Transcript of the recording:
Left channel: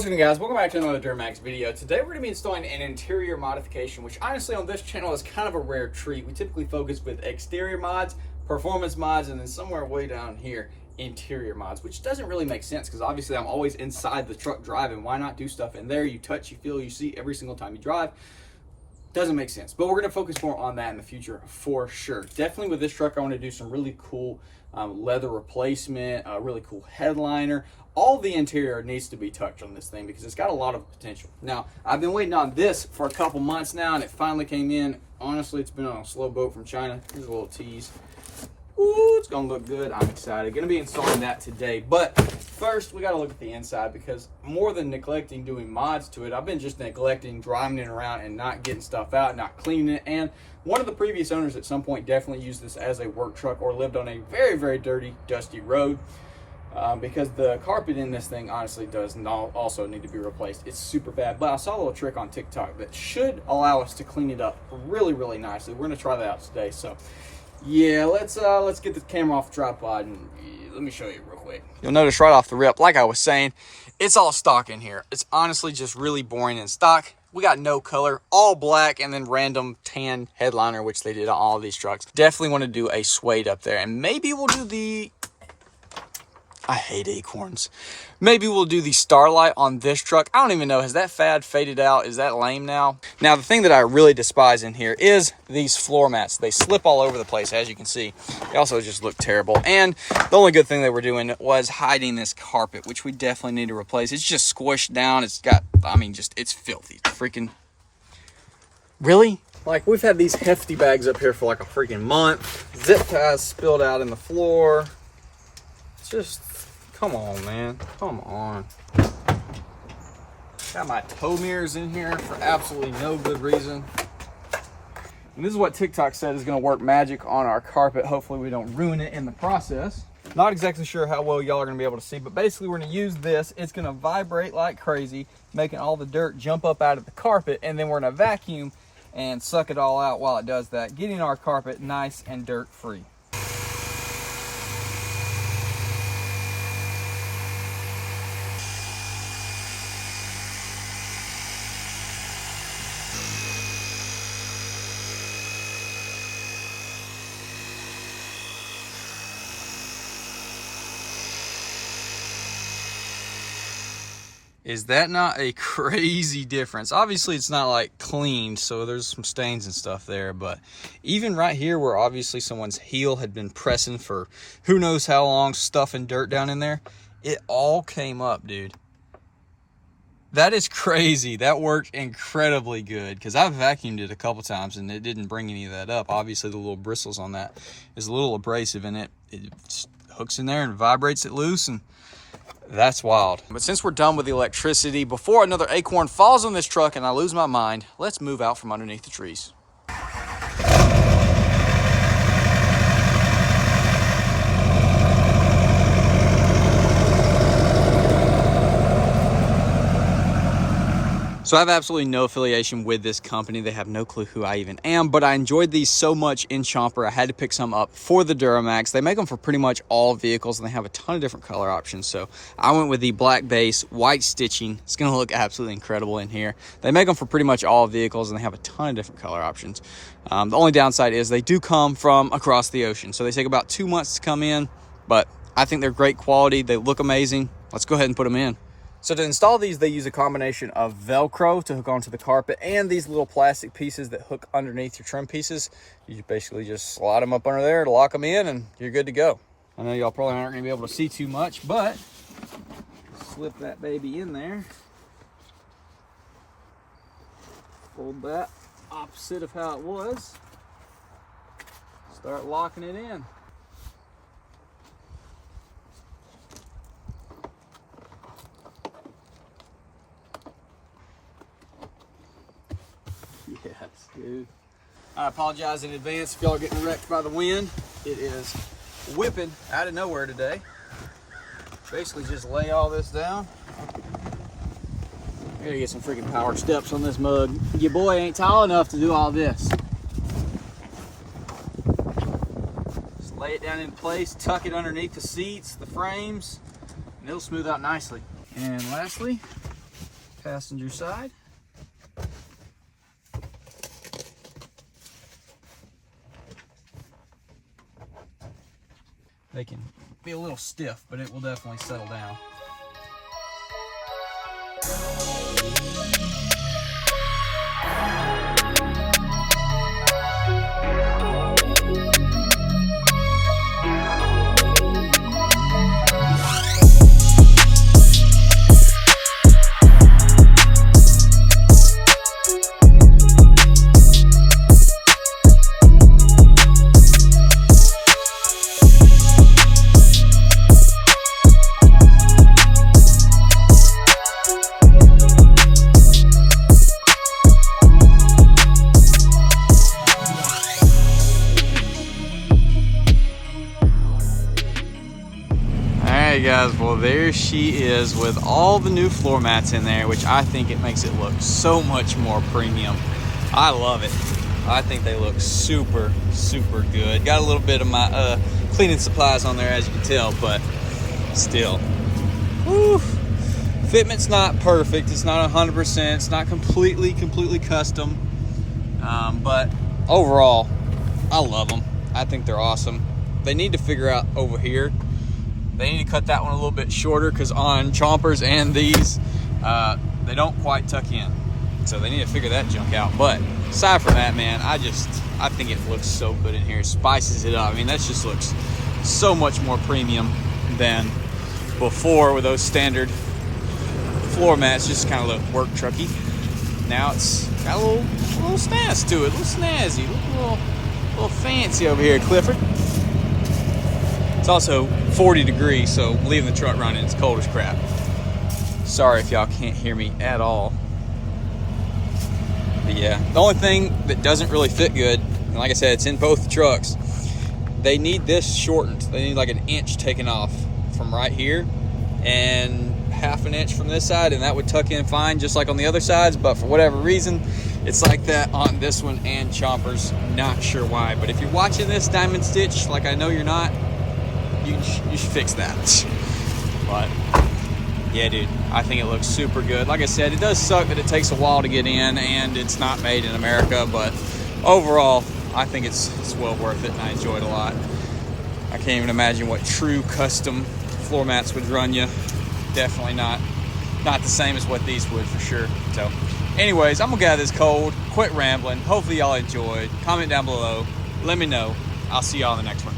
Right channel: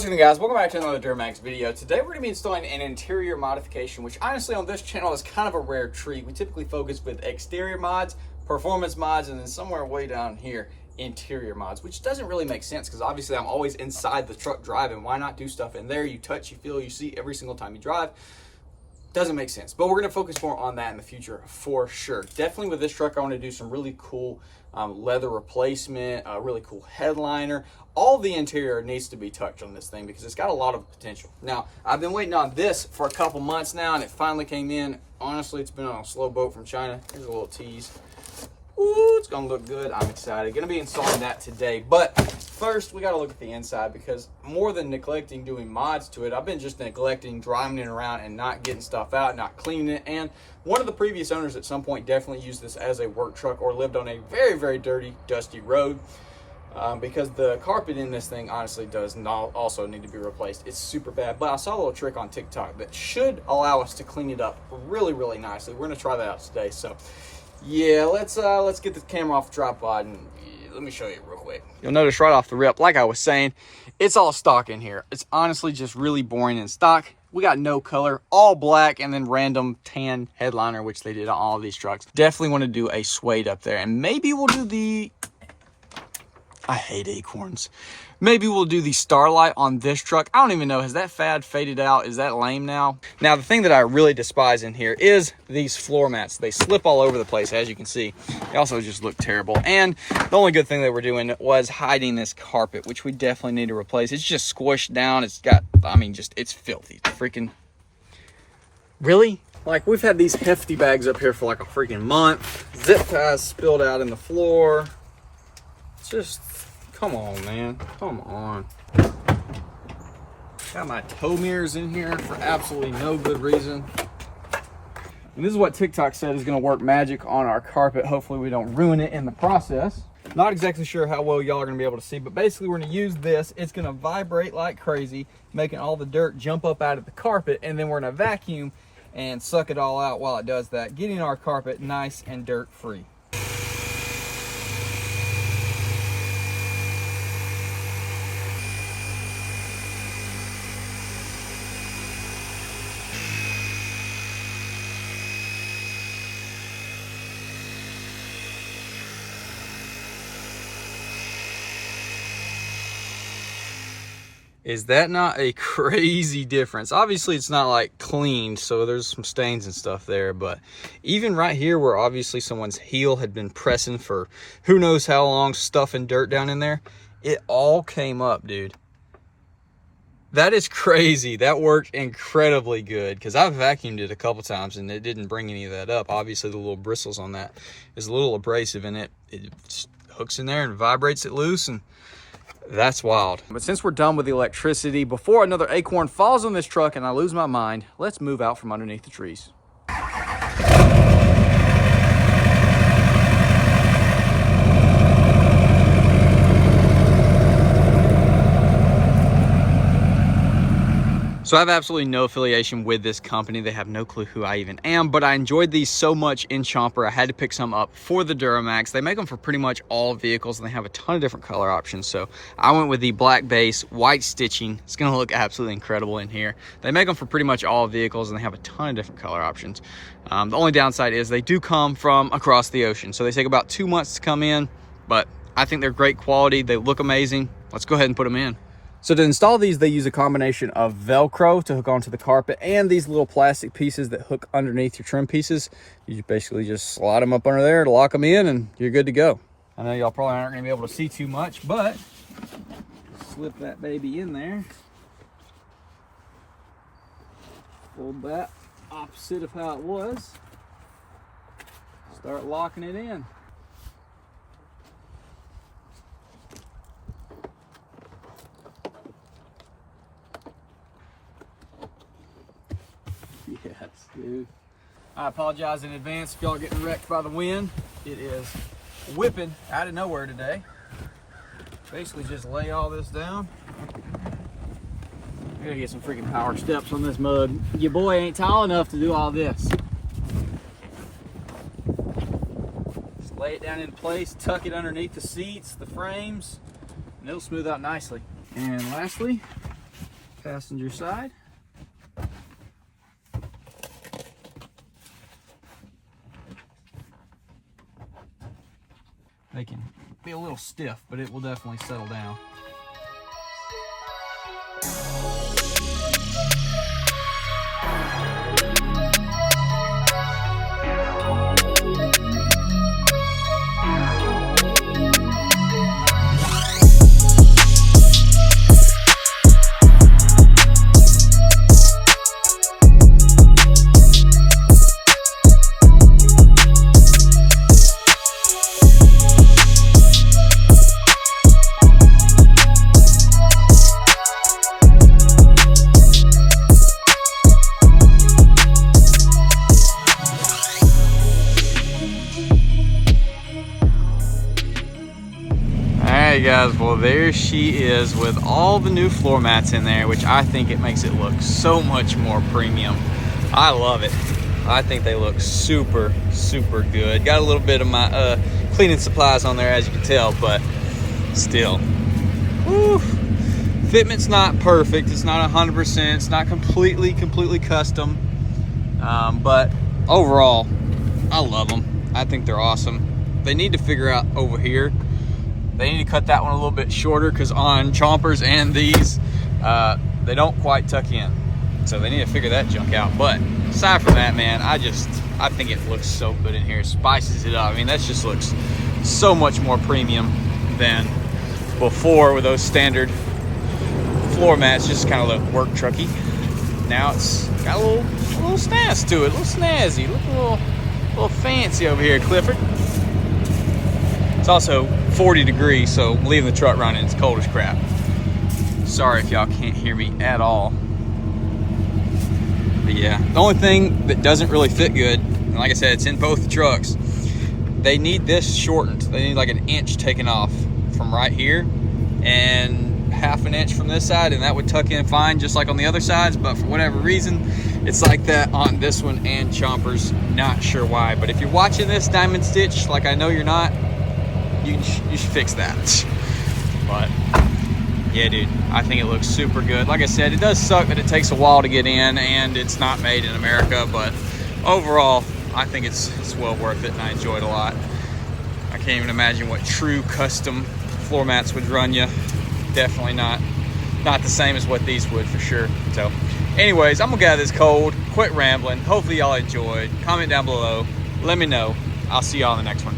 What's going on, guys? Welcome back to another Duramax video. Today we're going to be installing an interior modification, which honestly on this channel is kind of a rare treat. We typically focus with exterior mods, performance mods, and then somewhere way down here, interior mods, which doesn't really make sense because obviously I'm always inside the truck driving. Why not do stuff in there? You touch, you feel, you see every single time you drive. Doesn't make sense, but we're going to focus more on that in the future for sure. Definitely with this truck, I want to do some really cool leather replacement, a really cool headliner. All the interior needs to be touched on this thing because it's got a lot of potential. Now, I've been waiting on this for a couple months now, and it finally came in. Honestly, it's been on a slow boat from China. Here's a little tease. Ooh, it's gonna look good. I'm excited. Gonna be installing that today. But first, we gotta look at the inside because more than neglecting doing mods to it, I've been just neglecting driving it around and not getting stuff out, not cleaning it. And one of the previous owners at some point definitely used this as a work truck or lived on a very, very dirty, dusty road. Because the carpet in this thing honestly does not also need to be replaced. It's super bad, but I saw a little trick on TikTok that should allow us to clean it up really, really nicely. We're gonna try that out today. So yeah, let's get the camera off the tripod and let me show you real quick. You'll notice right off the rip, like I was saying, it's all stock in here. It's honestly just really boring in stock. We got no color, all black, and then random tan headliner, which they did on all of these trucks. Definitely want to do a suede up there, and maybe we'll do the, I hate acorns. Maybe we'll do the Starlight on this truck. I don't even know. Has that fad faded out? Is that lame now? Now, the thing that I really despise in here is these floor mats. They slip all over the place, as you can see. They also just look terrible. And the only good thing they were doing was hiding this carpet, which we definitely need to replace. It's just squished down. It's got, I mean, just, it's filthy. Freaking, really? Like, we've had these hefty bags up here for like a freaking month. Zip ties spilled out in the floor. It's just, come on, man. Come on. Got my tow mirrors in here for absolutely no good reason. And this is what TikTok said is going to work magic on our carpet. Hopefully we don't ruin it in the process. Not exactly sure how well y'all are going to be able to see, but basically we're going to use this. It's going to vibrate like crazy, making all the dirt jump up out of the carpet, and then we're going to vacuum and suck it all out while it does that, getting our carpet nice and dirt free. Is that not a crazy difference? Obviously it's not like cleaned, so there's some stains and stuff there, but even right here where obviously someone's heel had been pressing for who knows how long, stuffing dirt down in there, it all came up, dude. That is crazy. That worked incredibly good because I've vacuumed it a couple times and it didn't bring any of that up. Obviously the little bristles on that is a little abrasive in it. It hooks in there and vibrates it loose, and that's wild. But since we're done with the electricity, before another acorn falls on this truck and I lose my mind, let's move out from underneath the trees. So I have absolutely no affiliation with this company. They have no clue who I even am, but I enjoyed these so much in Chomper, I had to pick some up for the Duramax. They make them for pretty much all vehicles and they have a ton of different color options. So I went with the black base, white stitching. It's gonna look absolutely incredible in here. They make them for pretty much all vehicles and they have a ton of different color options. The only downside is they do come from across the ocean. So they take about 2 months to come in, but I think they're great quality. They look amazing. Let's go ahead and put them in. So to install these, they use a combination of Velcro to hook onto the carpet and these little plastic pieces that hook underneath your trim pieces. You basically just slide them up under there, lock them in, and you're good to go. I know y'all probably aren't gonna be able to see too much, but slip that baby in there. Fold that opposite of how it was. Start locking it in. Yes, dude. I apologize in advance if y'all are getting wrecked by the wind. It is whipping out of nowhere today. Basically just lay all this down. I gotta get some freaking power steps on this mug. Your boy ain't tall enough to do all this. Just lay it down in place, tuck it underneath the seats, the frames, and it'll smooth out nicely. And lastly, Passenger side. They can be a little stiff, but it will definitely settle down. Alright guys, well there she is with all the new floor mats in there, which I think it makes it look so much more premium. I love it. I think they look super, super good. Got a little bit of my cleaning supplies on there, as you can tell, but still. Whew. Fitment's not perfect. It's not 100%. It's not completely custom. But overall, I love them. I think they're awesome. They need to figure out over here. They need to cut that one a little bit shorter because on chompers and these, they don't quite tuck in. So they need to figure that junk out. But aside from that, man, I think it looks so good in here. Spices it up. I mean, that just looks so much more premium than before with those standard floor mats. Just kind of look work trucky. Now it's got a little snazz to it, a little snazzy. Look a little fancy over here, Clifford. It's also 40 degrees, so I'm leaving the truck running. It's cold as crap. Sorry if y'all can't hear me at all. But yeah, the only thing that doesn't really fit good, and like I said, it's in both the trucks, they need this shortened. They need like an inch taken off from right here and half an inch from this side, and that would tuck in fine just like on the other sides, but for whatever reason, it's like that on this one and chompers. Not sure why, but if you're watching this Diamond Stitch, like I know you're not, you should fix that. But yeah, dude, I think it looks super good. Like I said, it does suck that it takes a while to get in and it's not made in America, but overall, I think it's well worth it and I enjoy it a lot. I can't even imagine what true custom floor mats would run you. Definitely not the same as what these would, for sure. So anyways, I'm gonna get out of this cold, quit rambling. Hopefully y'all enjoyed. Comment down below, let me know. I'll see y'all in the next one.